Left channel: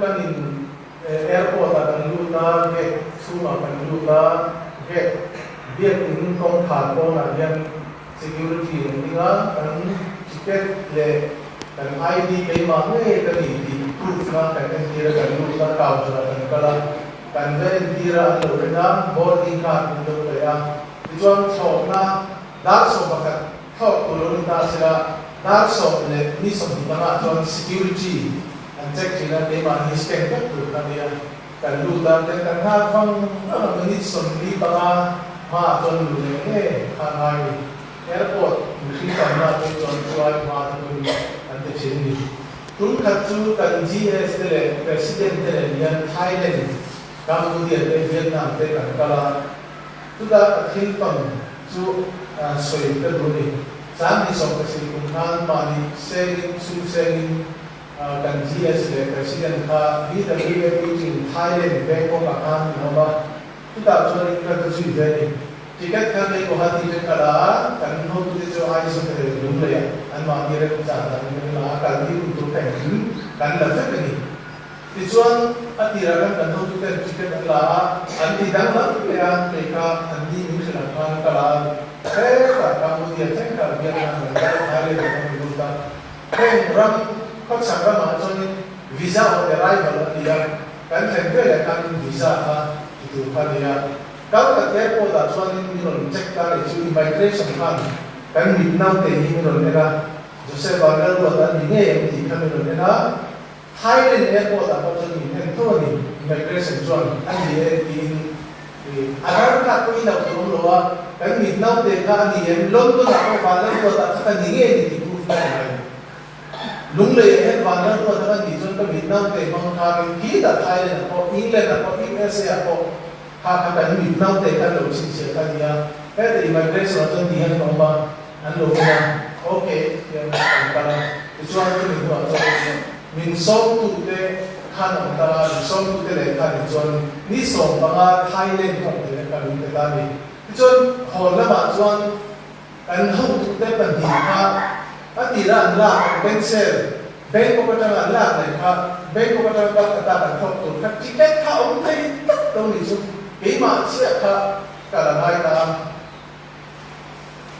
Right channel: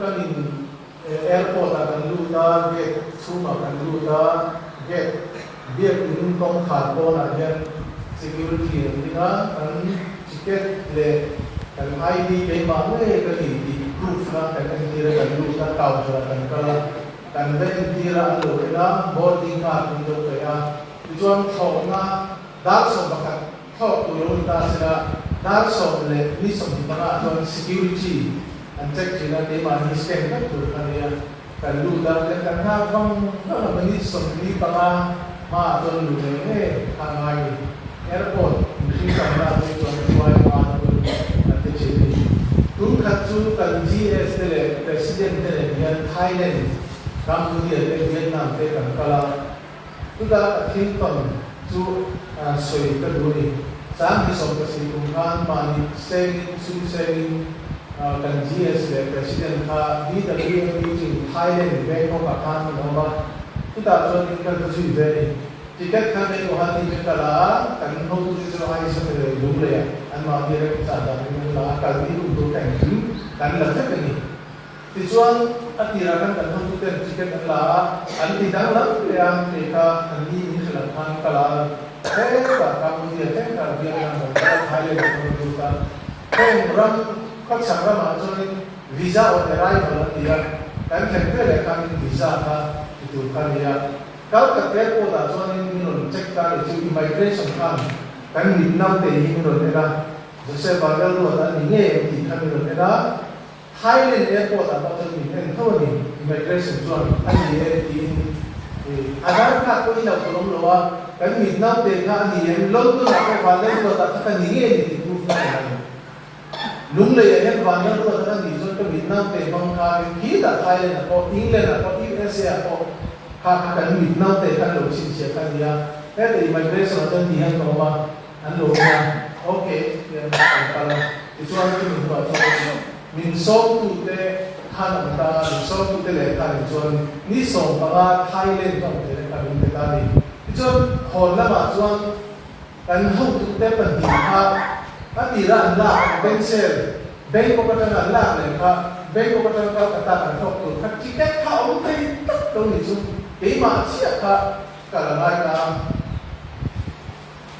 Kanin airport akan luta gate semua akan luta gate dia pun tong kharpo na yang security ninga kan ticket le kan ID ke mana kan ini proof na kan dia kan luta kau kan kala kan dia alo na boarding card untuk ya tujuan sokna dar sobakat kau turun ta sila dar sok le ni sok di tengah tujuan security cek sila tema ni scan kan tu kan dia kan luta kan hafang kan menit somli panga ma ton lu le hangai airport mesti sama tu tuai ma tu ate chini tur khatsu kan GS le president le yang Thailand Cambodia le Vietnam te kan kala tu da thin tam chu soi ka duni sam ni so ka si kum han ma ni selling su selling kan GS le president ka di da meeting Thailand Bangkok akan nama kita join ka tu ve tiket kan nei ko hati le kala kan no tu je ai so ke lum le ya an ma ni re cha da ni la ka di tu kan kan la ta ni ti chuan atira kan no tu te tiket la an ti dang la le an te ka an di ni se la kan kala he ka ka mu dia chen ka bia kan da Thailand ko ta ken ram các sản phẩm mà cho nên visa ở tại đây vào là tiền cái thành cái là cái visa ha itu kan dia kalau ketika kita cho nên mình cek cái itu immigration kan kan mình nào để mình rồi là rồi sẽ vào cái luật là mình nghe thì kan mình rồi là Thailand airport là cho mình thành thôi immigration cho anh đi agar các cái nào cũng lo cái mình nào để cái gì luôn luôn là cái vào cái luật là cái gì thì proof này lung le he Vanlalruata ni jon ka Vietnam te mong ka ki da Thailand ko England ko USA ko ka Vietnam te kan lo chin che ka dia he the immigration jon ni han ko ba an lo na okay ya ka la ti chuan tu min ko cho min so tu te khan ka so tu te le ka jon ni so ba Thailand ko te ka lu te da ni ti chuan ho la ma chuan kan ho tu te kan ni ka atira anla pencil bank ko ta anla ne ka bank ko ta ta ko to ka tiket ka om thai tak to ni su ke ma sia ka la mai ka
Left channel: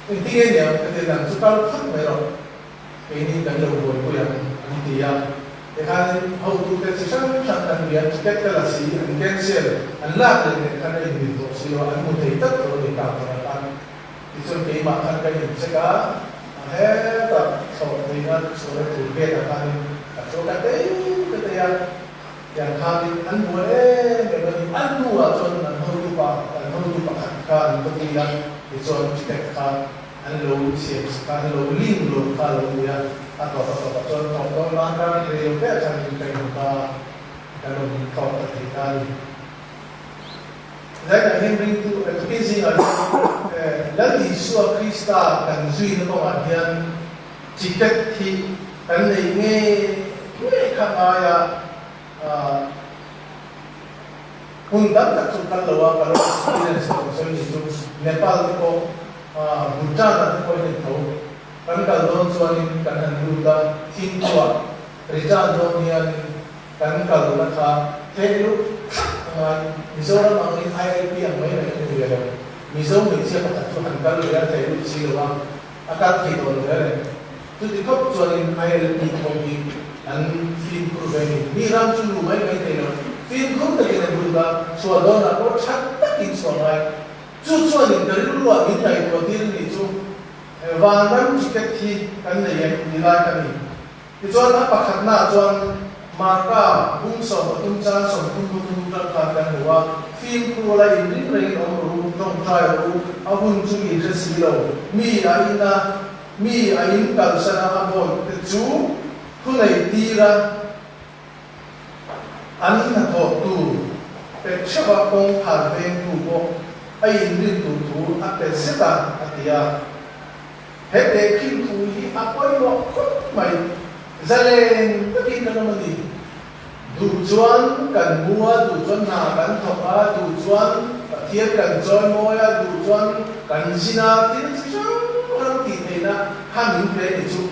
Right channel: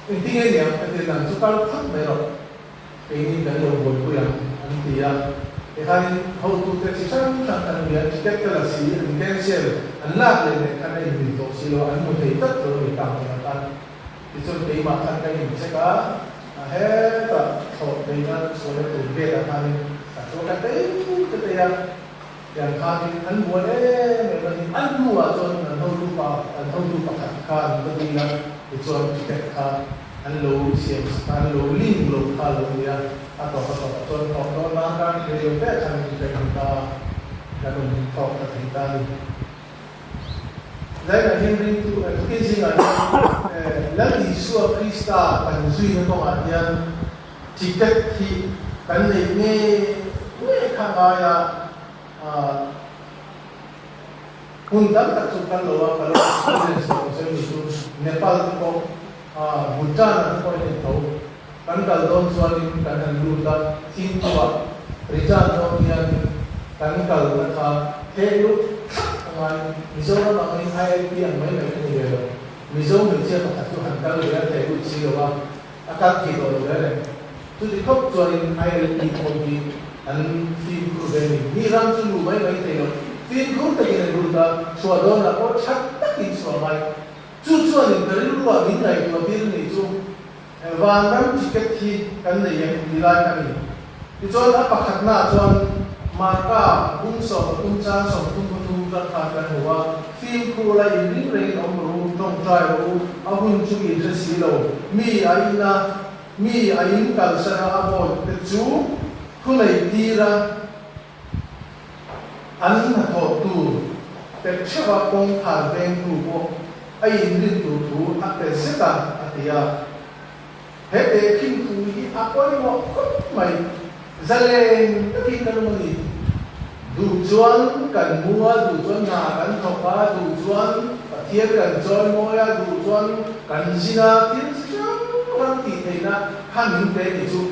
intinya ne ka de na su ka thak me ro ke ni dan lo ko ya antia e ka ho tu te si san san ta ni tiket ka la si pencil anla ne ka ne ni to si lo an mu thai tak to ni ka ta ti su ke ma ka ni se ka he ta so de na so le tu ke ta kan ta so ka te te ya yang kami an mo le me ni an nu a so na no lu pa ka to ni la ti so te ka an lo se ka lo ling lo ka lo ya a to to na ka de yo pe sa ni pe ka ka lo to te ka Lai na Henry tu pleasing la di suwa Krista kan zui na mo atian tiket hi kan nei nge ka aya undam tak su kan lo ka lo experience so ni tu Nepal ko Bhutan ko ni to kan kal don so ni kan lu da tin tua Rizal don ni kan kal ka thelu mà Mizo nó nói thay cái anh mới này người rồi Mizo mình chưa có thật sự hành động rồi thầy cũng chỉ là các thầy rồi đấy tôi thì khóc cho nên ai là đi không đi anh phim của về đi ra chung đủ mấy thầy rồi phim không thể này được là xóa đó là có chắc tất nhiên xóa này chú cho nên cái lúc đó những ngày đầu tiên thì chú và năm chỉ cách khi cái này em đi lại cái này thì cho nó bắt khắc na cho maka bung so tung cha so tung ra ka kan wa phim ko la in ring ring om ru trong trai ru a hun chu in je si lo mi ain kal sa na bo te chu thu nei ti ra an na tho tu te chwa kong thar ven ku ko ai in rin tu a te seta atia he te kim tu hi a koi lo mai zaleng taki kan ni du chuan kan mua du chuan na kan thopa du chuan thia kan join moya du chuan kan zina tin sang han ti na ha min pe ni chu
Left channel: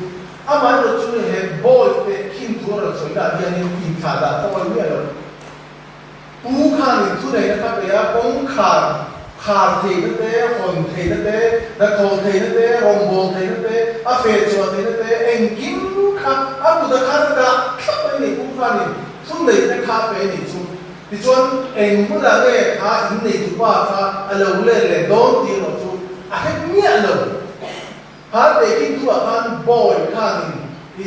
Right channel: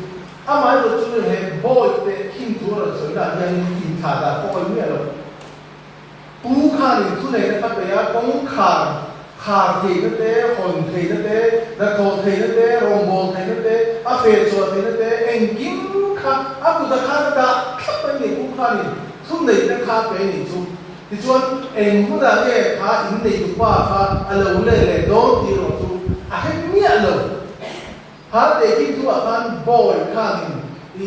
ama do chu he boy te kim tu ro so da hian kim tha da ko khả thì nó thế hồn thì nó thế đặc thù thì nó thế hồn bồn thì nó thế phê chùa thì nó thế anh kiếm khá bụt khá nó cả khá mấy này cũng khá này xuống này nó khá mấy này xuống thì chuan anh cũng là nghe khá in này cũng qua khá lâu lên đón thì rồi xuống hết nhẹ lâu khá để kim thua khá bồi khá này thì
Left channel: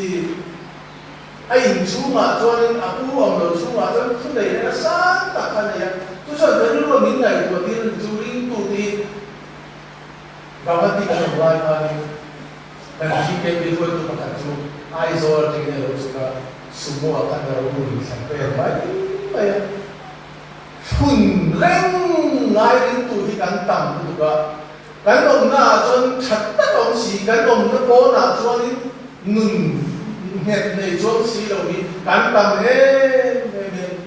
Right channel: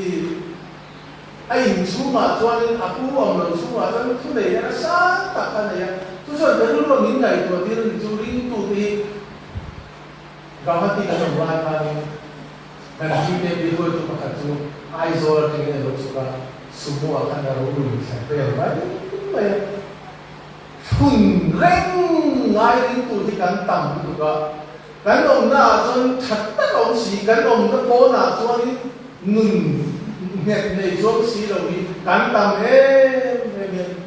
anh xuống mà chuan aku ông đầu xuống mà chuan xuống này nó sáng cả khá này tu soal dari lu ni ngai tu dia curi tu ti gawat ti kan buat hari dan jika dia tu pakai tu aizor dengan lu suka semua akan berubah sampai baik chhun reng ngai tu ti kan tam juga kan ông na chuan chat ta ông si kan ông na po na chuan nun net nei chuan si lo ni kan tam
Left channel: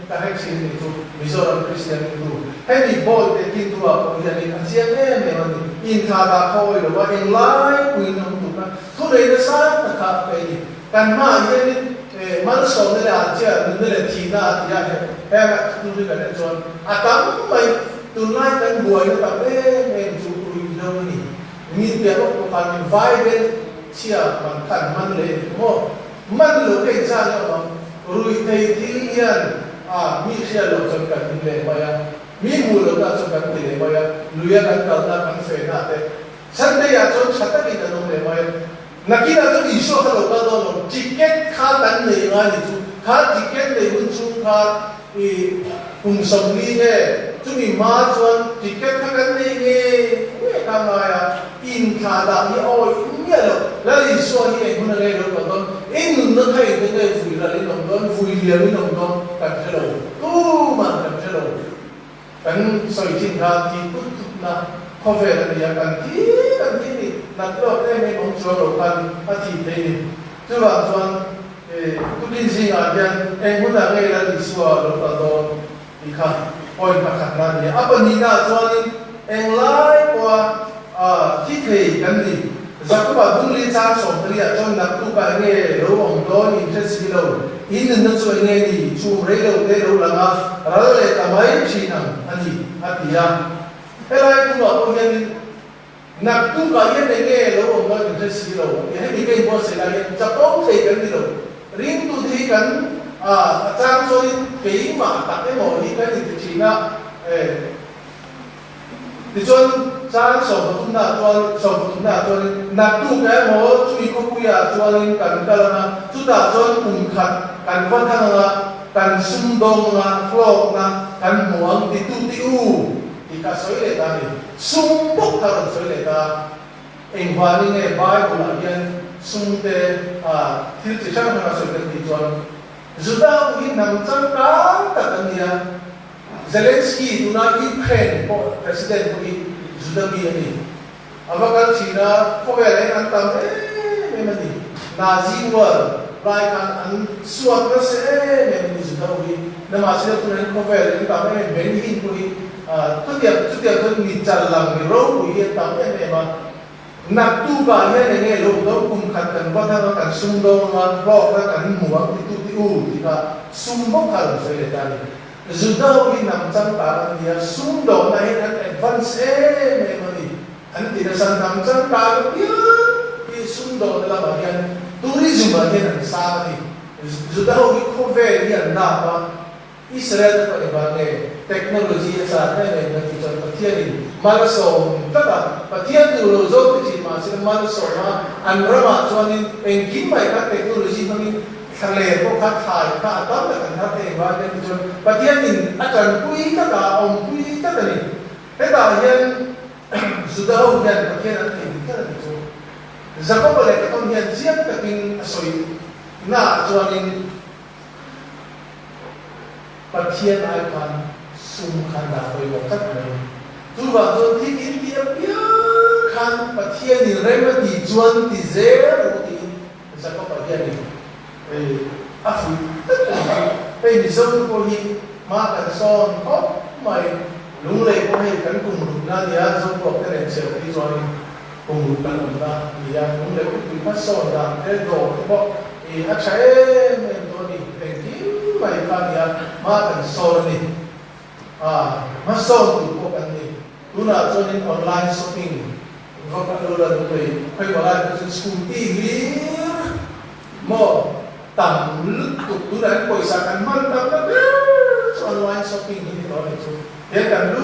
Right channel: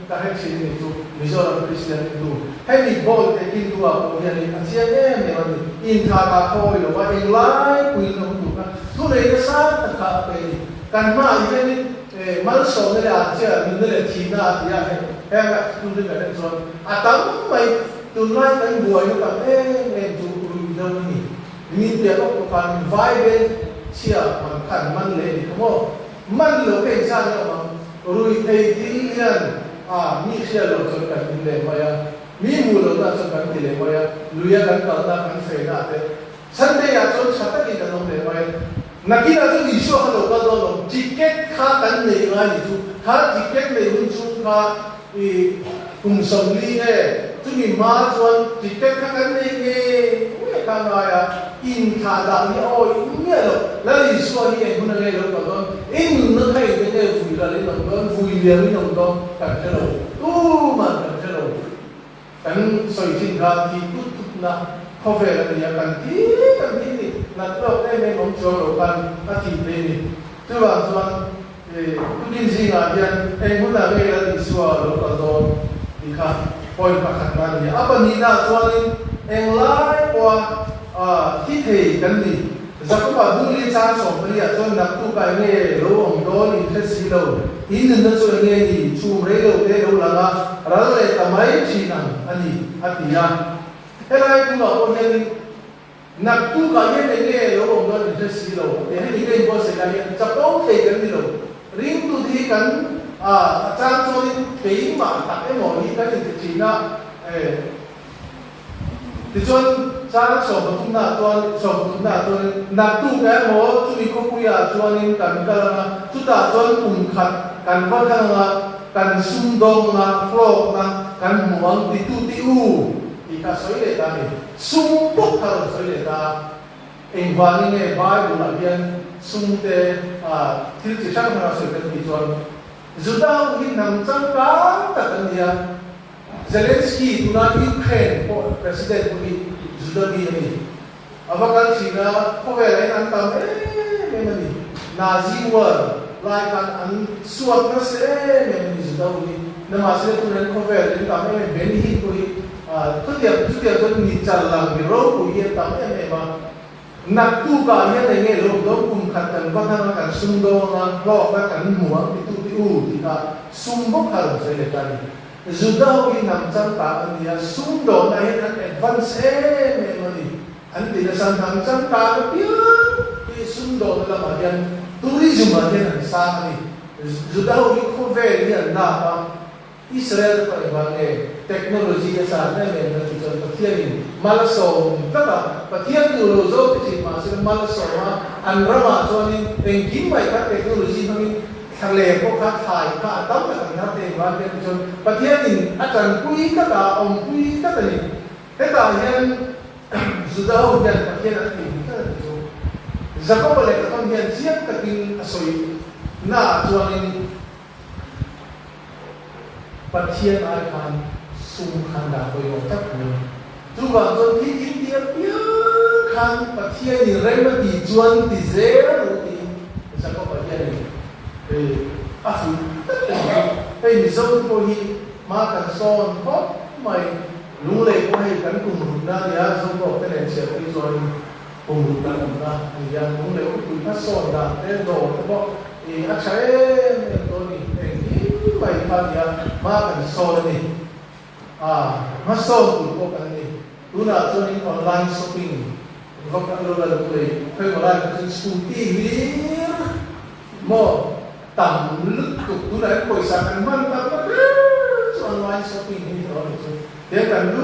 ta hay xin này chú Mizoram Christian tu hay bị bồi để tin tu à bây giờ này anh xem này mà in thà bà thôi rồi và anh lái quyền không đủ cả thu này nó sát tất cả cái gì cần mà như thế mà số này là chưa mình này là chỉ na thì hay là tu đi cái này rồi tắm mày từ nay đến buổi nó cảm thấy mình chú tụi đâu nhỉ mình tiền nó cũng phải vay bên chia bằng khẩn mang lên đúng không mang lỗ cái ra rồi rồi thầy thì mi khia lo chon kan tin le hoya mi mu lo ta chon kan tin le hoya luya kan ta na kan fe na te sande ya chon chata ki kan le hoya nakina to iso ha lo ta do ticket kha kan nei nga ni chu kha ticket nei mun chu kha kun som ni ne chu mi ma chon ticket kha kan nei nge we ka ma ya in kha da ni o mi lo la li so hi e mun le lo do in nó thấy cái này vui là lên đồng đó vui liền lên đồng đó cảm thấy rồi tu mà cảm thấy rồi anh soi thiên hạ thì tút na có vẻ là gì cần tí đi nạp đâu cái này muốn cho đồ ăn thì đây chứ bạn toàn tu tin gì à vậy em muốn là cái là đi xóa rồi đó đi khắp point khắp nào vậy apa ni na toàn em lái qua thi thể cái gì giờ các bạn đúng lý cha sống lý à cho nạp tu cái nghe lâu ông đó interest gì đâu in nên cho nghe thì chùm rễ đâu là mà rồi là tầm mấy chỉ nằm anh gì à thế này tu bảo ông nhân nạp tu cái nghe lâu ông đó interest gì đâu thì hay đi cái boss là chấp ông thì cái gì đâu riêng tu thì cái trang cho cái mà đặt cái mỏ đi cái thì chỉ là thì cho cha sống không na cho nạp tu cái mỏ chui có chui à cho nên cần na chúng ta cho cùng khát cần phát thăng là cần xung đông là phô là cần muốn thì tu thì cả soi lệ ta này xung bốc thằng soi lệ ta anh hoa ni nghe bài của lão nhân xung tê thì chỉ chắc là soi lệ thì cho chúng ta cũng nằm trong cả cái này Zelensky tu na Ukraine ko president ko Zudami ni. Abakan China ko vele ang tam memani Nazi war lai kan an suat na se memani Zudami na masih tu ren ko vele ni kami benhi ko tu tiap tu ni chalang ni ro ko ye tam ma nak tu ba ye ne lo do kum khat kan ba tha kan sung do ma lo ka kan muang ti ti ka sung bo ka se le ta ni Zudaw nằm trong cả anh nhà xung đột này anh advance memory anh tidak nằm trong cả cái xung đột là mà hiện tourism mà hiện sang này Zudaw có vẻ như anh nào Israel có cái technology sản này là chủ trương Pathianni Malaso tất cả Pathianni rồi rồi cái gì mà sẽ Malaso mà anh ra mà cho nên kín vậy các technology nóทะเลพวกข้าทายข้าต้องแต่นับเองว่าเดี๋ยวจนประเทศนี้อาจารย์คุยก็ได้องคุยก็ได้แต่ตอนยันสุดท้ายยันประเทศนั้นเองก็ได้จนจะก็เลยก็ต้องยันเสียงแต่เป็นสวยน่าจวนนี้ประเทศไอคอนสุ่มขันดาวไปว่าทักไหมทุกวันจนที่อินเดียเปียขันประเทศนี้เริ่มตีจวนตีเซลตีจะก็ประเทศนี้afu Mizoram ko hi ma kan son ko mai lung le ko hai kan kum na dia so ko kren se ki so ni kum kan na dia lung le ko ki pa so da e do ko a chae me to ni ki mai ka dia ma kan so ni ma so tu ko kan ni tu na cho nên online shopping và các lô là người phải gọi là cái scooty gì mà tầm lúc tu na coi sa kan man tầm đó online shopping thì đó là thế cần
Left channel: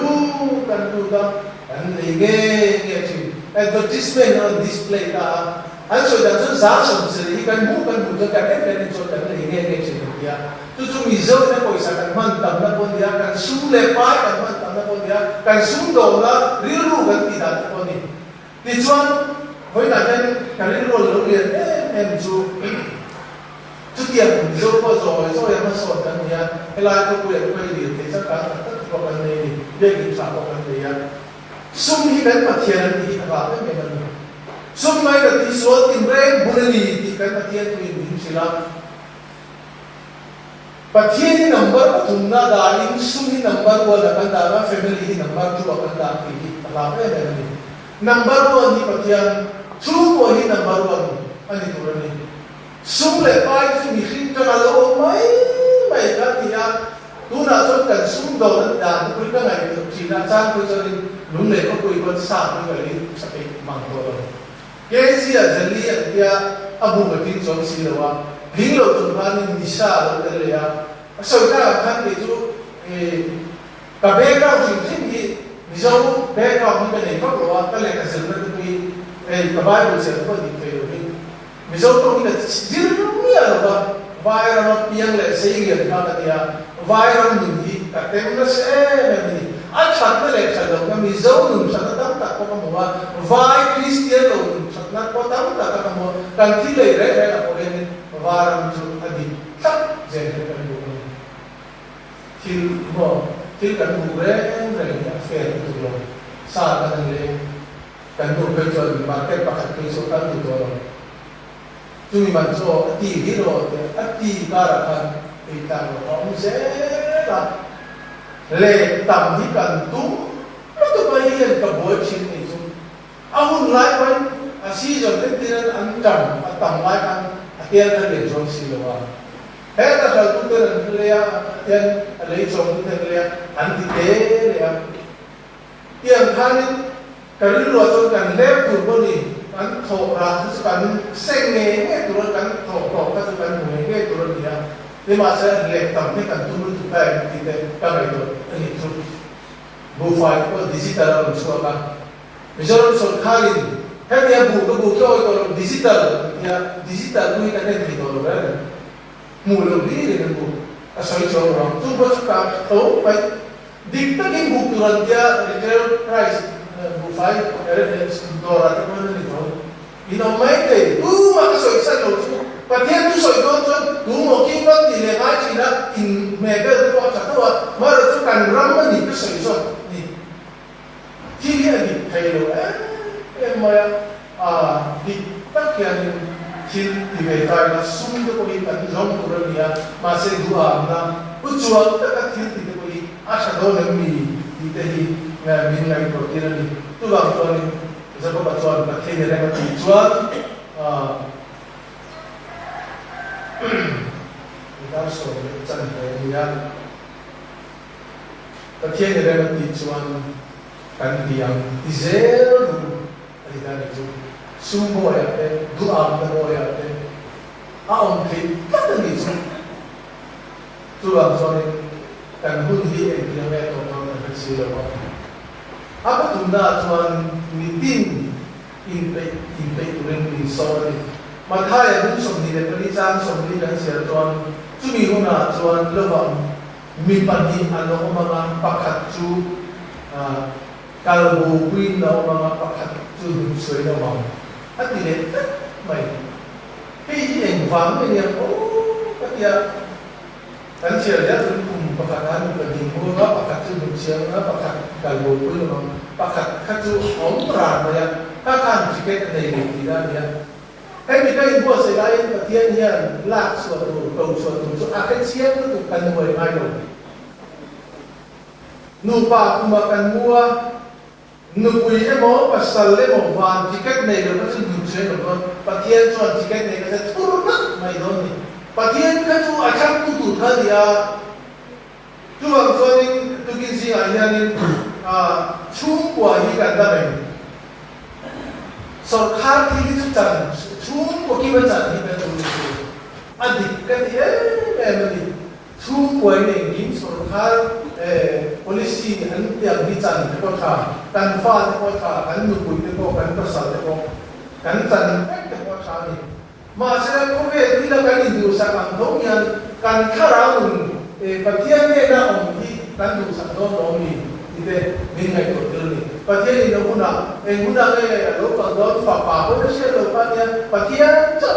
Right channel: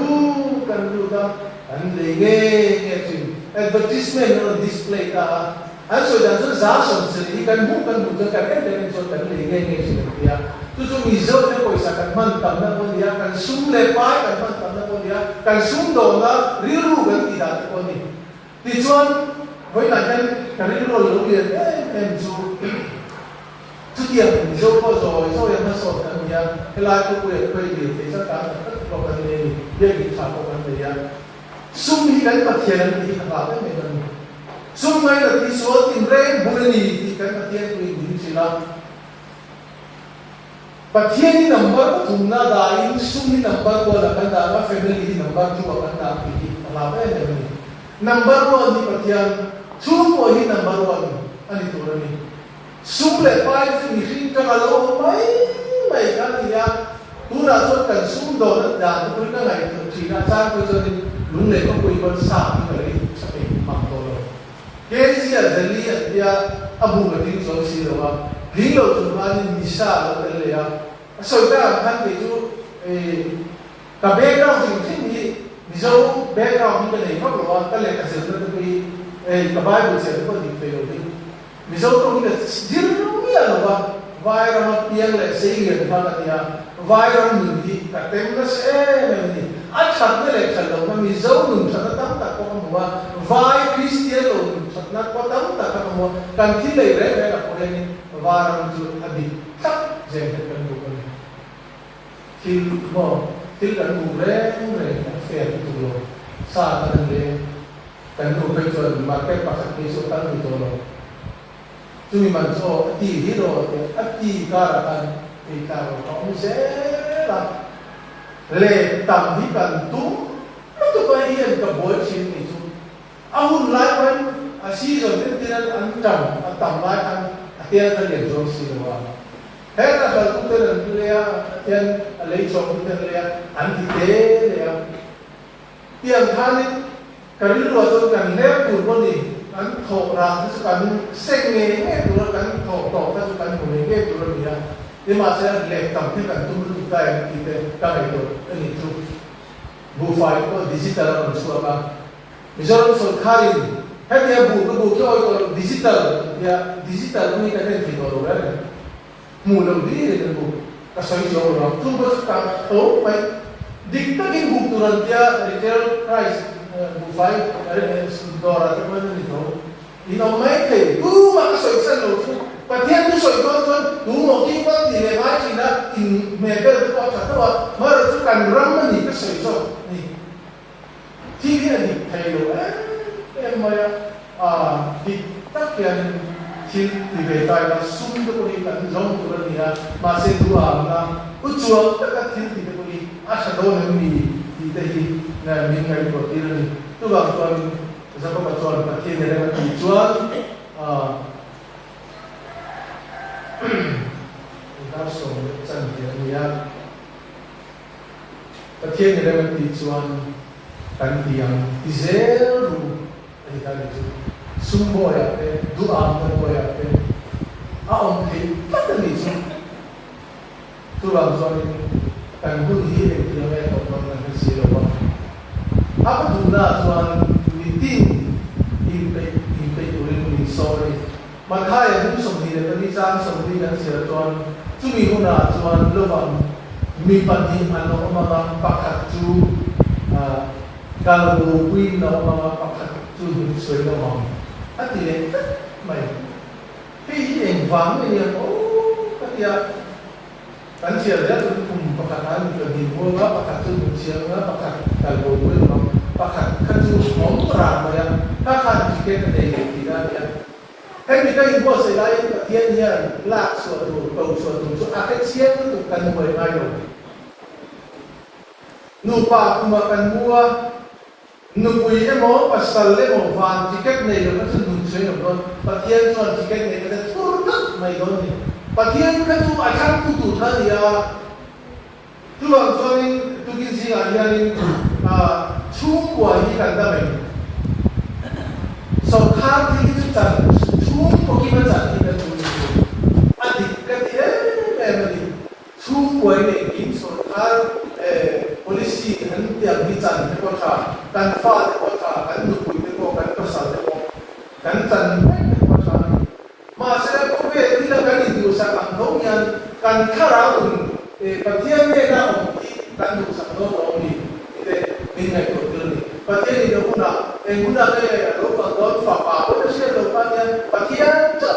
du đó anh lấy nghe chứ advertisement on display ta anh so dan so giá sống gì cần bu cho cái này cho cần lấy nghe chứ ya tu mình dâu nó coi sa kan man tầm đó bọn dia kan sum le pai kan man tầm đó bọn dia kan sum đồ đó riu kan ti da bọn ni thì chuan với nạn nhân cái này rồi liền em chú tiền mình dâu có rồi em nó sọt anh nhá cái lai tôi quyền quay liền thì chắc chắn là tất cả vấn đề việc kiểm soát vấn đề sum hi cái Pathian thì là cái mình làm sum ngay là tí số tiền rent bùn thì cái Pathian mình chỉ là Pathian number thùng na dain sum hi number của là cái đó family number chú cái đó thì là cái này number one ni Pathian chú của hi number one anh đi tu rồi sum le pai thì mình cái lỗ mấy cái thì tu na cho cần sum đồ đất đàn tôi cái này chỉ là sao tôi cho nên lúc này có quỳ con sao như vậy sẽ bị mang đồ cái gì là dân lý thì abu cái tiếng trong xí đâu à lính lầu chúng ta nên đi xa rồi đấy là sau đó hắn thì chú cả bé cao thì thì dấu bé cao như cái này pháp luật cái này cái sự nó quy cái Bible sẽ có định về rồi ví dụ tôi nghĩ là riêng nó nghĩa là vài năm tiền lệ xây dựng bao cái gì vài năm mình thì cả tem nó sẽ mình anh chắc nó lại chắc đâu mà ví dụ mình chắc nó tắm cả có một vài Christian rồi mình chắc nó có tắm cả các một cần thiết lệ đấy là có cái vài năm chú anh đi chắc dễ cái cần đủ rồi khi mà khi cần đủ đấy này nó phải đủ rồi xa cái này cần đủ bây giờ mà cái bác sĩ số cần đủ rồi chúng mình cho tí hít rồi tí cả là cần thì ta cũng sẽ là lệ tầm thì cần tú nó tụi bay hiện cả buổi chiều này chúng ông lại quên xí rồi cái tiền ăn trầm tầm lại ăn tiền thân để cho xí rồi hết là giờ chúng tôi là tiền lấy chồng tiền lấy ăn thì tế lấy tiền than cái lúa cho cần lép từ con đi ăn thổ ra chứ cần sinh nghề cái từ đó cần thổ cái chứ cần mùi cái từ đó gì à thế mà sẽ lệ tầm thế cần tu tu cái thì cái này rồi anh ấy tu bu phải có digital là một số cái bây giờ nó số khai hết dia bu cho cái digital dia digital nó cái này thì rồi đấy mù lâu đi để bu cái số cho nó tu bớt cái tố phải định cái bu tu là dia retail price bu phải đô la cái này thôi ino mấy thì tu mà cái số sản lượng Pathian tu soi don tu mo king wan di le mai chi na in me be tu wa cha tu wa ma ro tu kan ram ma ni ka soi so ni ki ni ani thai lo em ma di tak kian chin di ve tai na sum tu ko ni kan long tu ro ni ya ma se tu a na u chuang ta ka thin ti ko ni a sha do na mi di te hi na min ngai ko ti ni tu ba tuan za ko ba tuan ka ke ne le ma ti chuan kita so chân thế ya Pathian này là một chuan cần diam dizel du thì ta này du sumo ya te du am mo ya te a ông thì các cái gì chứ tu làm cho nên cần hôn hi để tiếng nghe của con là cái gì đó apa tu na chuan meeting inpeih turin ni sorry mà thay là những sòng thì để cái trang sòng thì cái sẽ chọn chú mình hôm nào chọn lớp bằng mình bắt đi ăn nó mà bằng bạc hạt chú calo queen nó mà bạc hạt chú mình sấy nó bằng hết thì lên mày khi hình vắng thì em ô các kia anh chia ra cùng bạc hạt ăn cái gì mua nó bạc hạt chú mình chia nó bạc hạt calo queen nó bạc hạt chú bóng tràn rồi bạc hạt chỉ cái này thì ra vậy cái mình cái bộ xảy ra những cái thiên nhiên lạc sửa đồ cầu sửa đồ chỗ cái chiếc nó được cần mười mai rồi nụ bạc mà cần mua nụ quý cái món và sờ lên màu vàng thì cách này nó sẽ dùng chơi được hơn và thiên chọn thì cách này nó sẽ thua rất mày thôi này và thiên cái chú ai khác tu tụt hơn thì chú làm cho nên tôi kinh gì anh em chú của của hi kan da mai so khar thi chu chan chu ko ki ba chan hi kan chu adik ka ti ni chu ko ni in so khar policy an tiang hi chan ko tha kan fa ko tha kan nu ku ni ko kan ka sa ko kan chan ko tha ni ma se ko ve ni da kan ni du sa kan dong yan kan khara un Pathianni na om ki kan du sa do om ni ite min mai ko ni Pathianni no una en una ke lo pa do fa pa ko se lo pa ni Pathian cha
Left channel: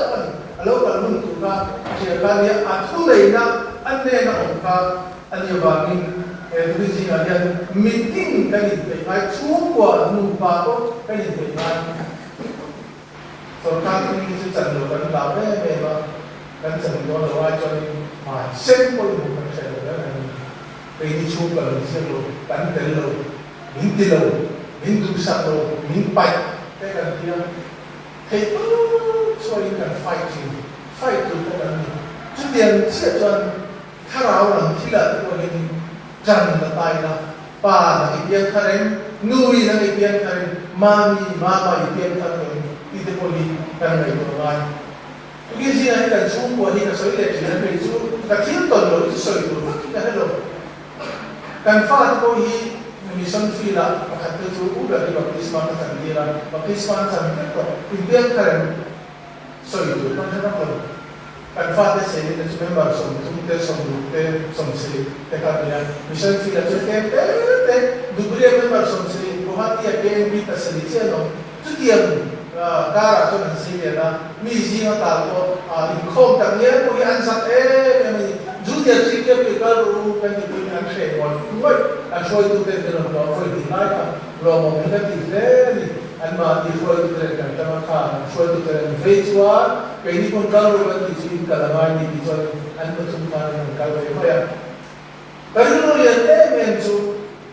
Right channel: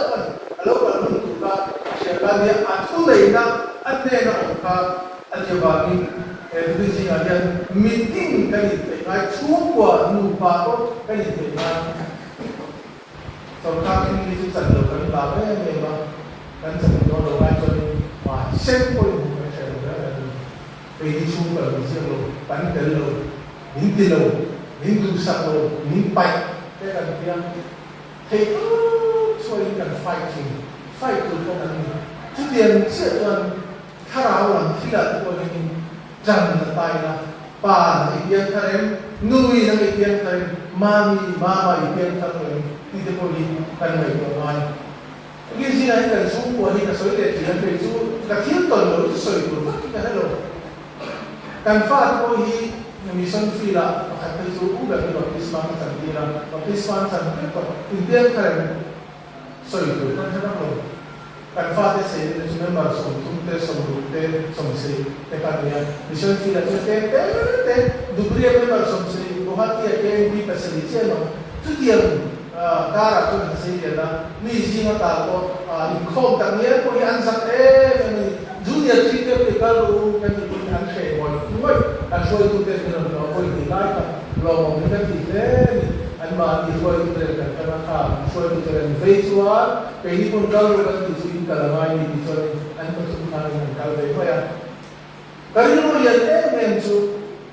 lo ka nun tu ka se ka ni a tu nei na an ne na om ka an ye ba ni ni ji na yan meeting ka ni pe mai chu ko nu pa ko ka ni pe na so ka ni ji cha lo ka ba ve ve ba kan cha lo lo ai cho ni ma sen ko ni ko se lo na pe di chu ka ni se lo kan te lo min ti lo min tu sa lo min pai cái cần kia thì so you can fight to cái cần chút tiền sẽ cho khá ráo làm khi là tôi cái rằng là tài là bà là cái tiền khá đến nuôi là cái tiền khá đến mami mama cái tiền khá đến thì tôi có đi cần này của ai cái gì này cần xuống của thì cái số tiền chỉ là cái số cái thiếu tuần rồi cái sợi của cái hết rồi cần phát tôi mission fee la makatay sa uga ni baptisma ng kanila baptisma sa ito kundi ka rin so ito na ko kan fate sa ito sa member sa tunte sa grupo sa si te kanya mission fee la te dubriya member sa si buhati ya bi facility no tutiyang kara to sa si na mi si mata to inkhawm tangya ko yan sa kami Julia Chica Pical can be unshade or what? I'm sure to take the law for the night, law negative and my before to the I'm sure to the phase one, when you control between Calamine, and Matuman and Calvary. But you know, your name to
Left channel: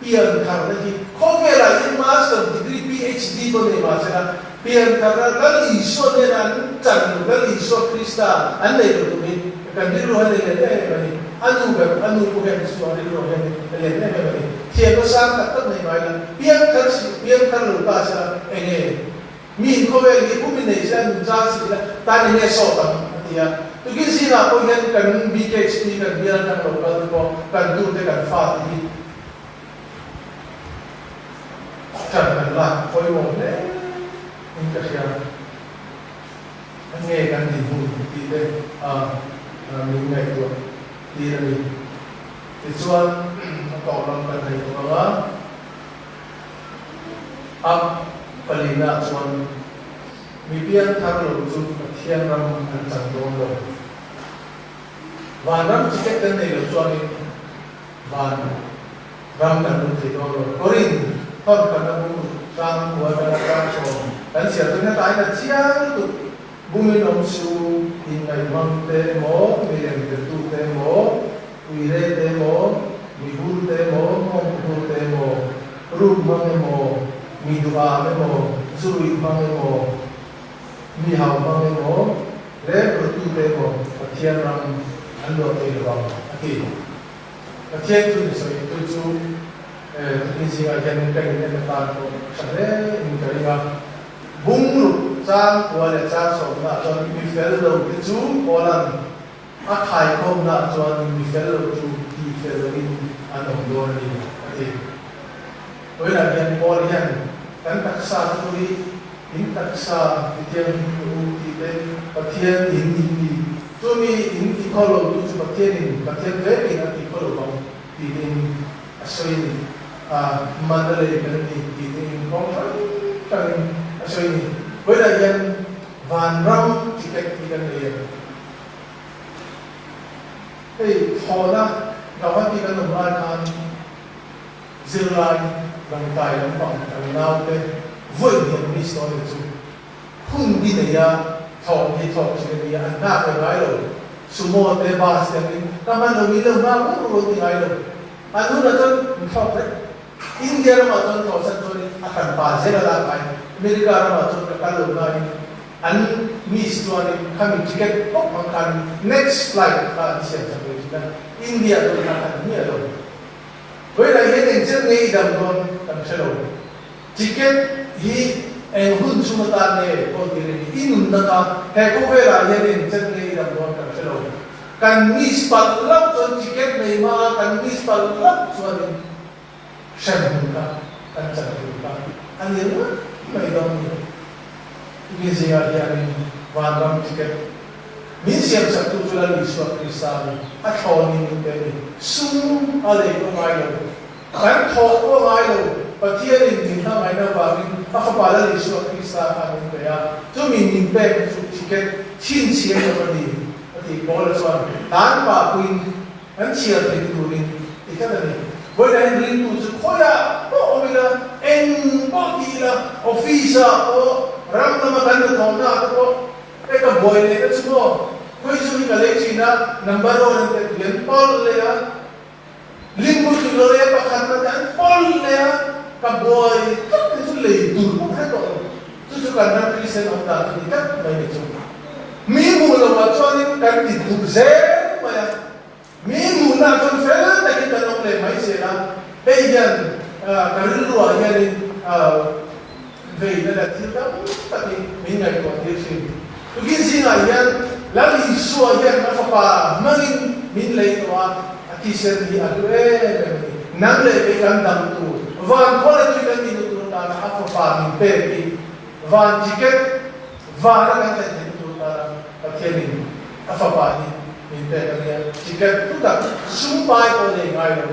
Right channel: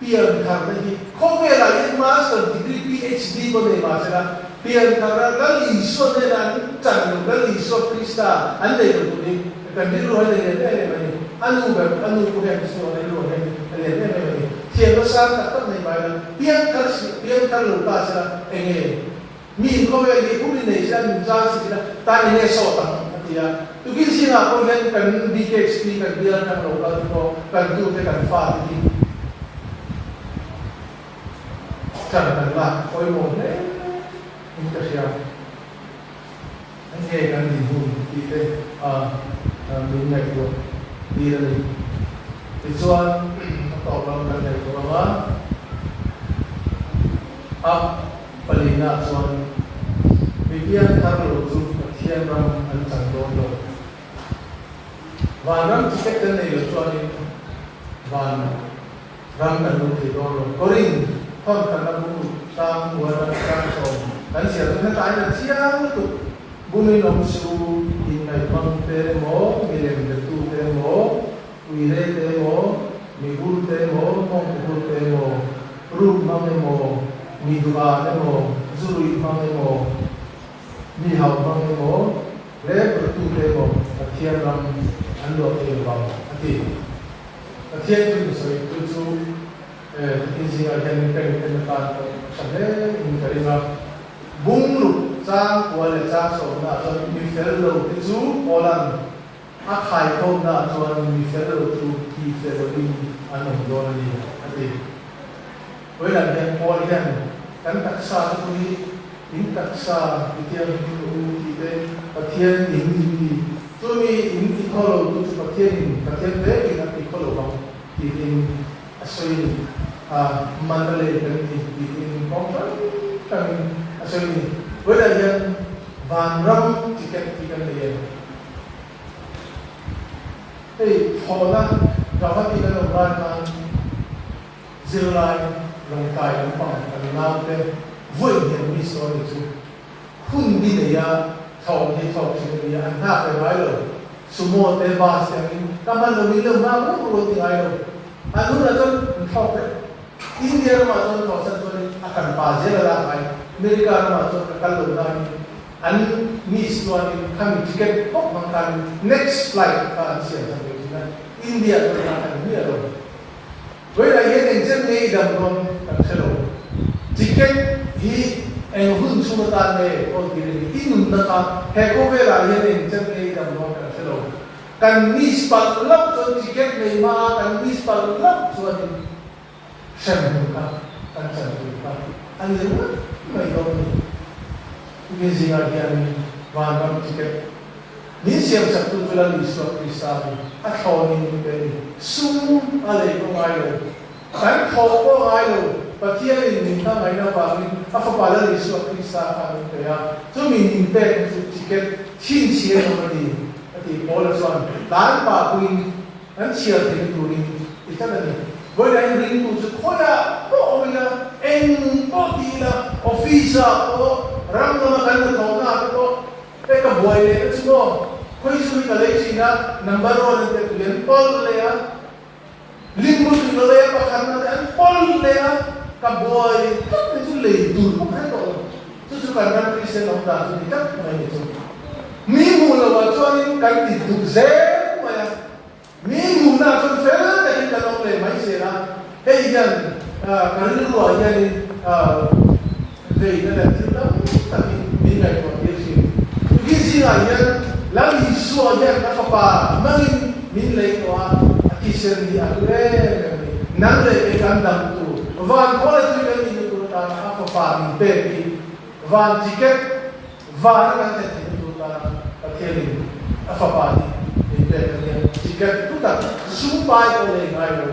Pian Carnegie, Covera in master degree PhD for the master, Pian Carnegie, so then Chan, very so Christa, and they do me. Kan dilu hal ini ni, anu bukan sesuatu dilu hal ini ni. Siapa sah kata ni macam, biar lupa sah enggak. Min kau bagi pun ini saya menjadi sih, tadi ni sotam dia. Tu kisah nak kau kan BKSP kan biar kan lupa tu kan tu kan faham. Janganlah kau mau ni, ini siapa? Enggak kan dibu kita mình ngày tuổi đi là mình thì cho tỏ lòng gần này của nó ấp và lý nạ cho vì biết thằng lục dù thiên răng anh chẳng đúng được và nó chỉ cách tên này được cho nên và răng cần một thì đó là có rình không cần là một trang của trang cho đánh xỉa tôi nói tại là chiang tục bumi nong su in ai non te mo milem te tu te mo uire te mo migul te mo mongku te mo rup mange mo midua me mo zuri mange mo mihau mange mo le tu te mo Pathian ram ando te ro ati Pathian tu so tu chu insi ai kan kan ta ko sale in karinga bung trang của để trang số là cho mình phải đầu cái chú có lần ác khai không là cho mình phải đầu chú thì phải đầu đi ăn đồng đồ đi thì với là hiện có đi hàng cái đặc sa tôi tính đặc sa thì thiên thì tên Pathian tính gì tôi mi tính thì có lâu tôi Pathian về thì nó thì có lâu không thì tính asal mandalay cái thì tính có cái asal với là dân Vanlalruata chỉ cách đi gần đây thì họ đã đào hết đi gần ở ngoài kan dừng lại lòng cài lòng phòng lòng nào thế vội nhận đi sau này chú không đi này à thòng chỉ là anh ta phải nói rồi sumo te ba xem đi ta mang đồ đi đâu mà không có tiếng ai đâu anh nói là cho không đấy India mà cho họ sẽ cho đi akan pa dễ là cái Amerika mà cho kalau na an miss tu ani kami tiket kok makan next flight ka siap sampai kita India tu nak ni ada. Boleh lagi yang chân ni dalam kon tak selalu. ticket hi en hun sumata ne o diri inun na ka he ko vera yanin chen nei dam no ka hello kan mis pal lap chon ticket nei ma kan mis pal lap chon shan ka kan chan ka ani ru mai dom ni zinga yanin wan ram ticket min siam sabtu jula li so kristami at hawni ni pe sum ale ko mai lo kan thaw ko mai lo Pathianni min ha mai na ba min pa pala li so krista amin pe ya so min ning pe su ticket thin chia no ni ati bola so dan pa kuin an chia de turin ikata ni boy da ring tu su khoya o omina en potila ofisa o ram na makan ko na ko pe ka boy le ka su mo koi su mi ka le china number 1 te yan pol le ya limbu ni lo le pa khan na pol le ya ka boy ka su le du ka ko su kan na krisen on da ni ka mai ni su mi mu lo ma chon ka ti du ze ma ya mi mu na chon fe ta ki ka no le mai se na he yan ka ru ro ya ni ve na ti ka ta ki mi ngai ko ti si tu ki si na yan la li su yan na fa pa mangin min le to a ki se ni a le nang le e kan dam tu van ko le tu ka ni tu ta na fa pa min pe ki van ticket van ka te tu pa Pathianni a fa pa ni min pe ka ni ticket tu ta su pa ko le ngai lo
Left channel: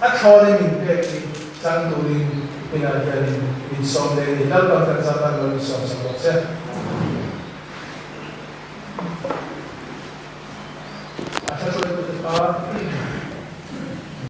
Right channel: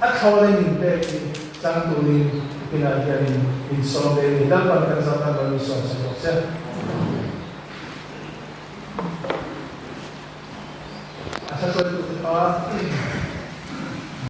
a tho le min pe ki sang tu ling pina ka ni in son de ni dal pa ka sa ta lo so so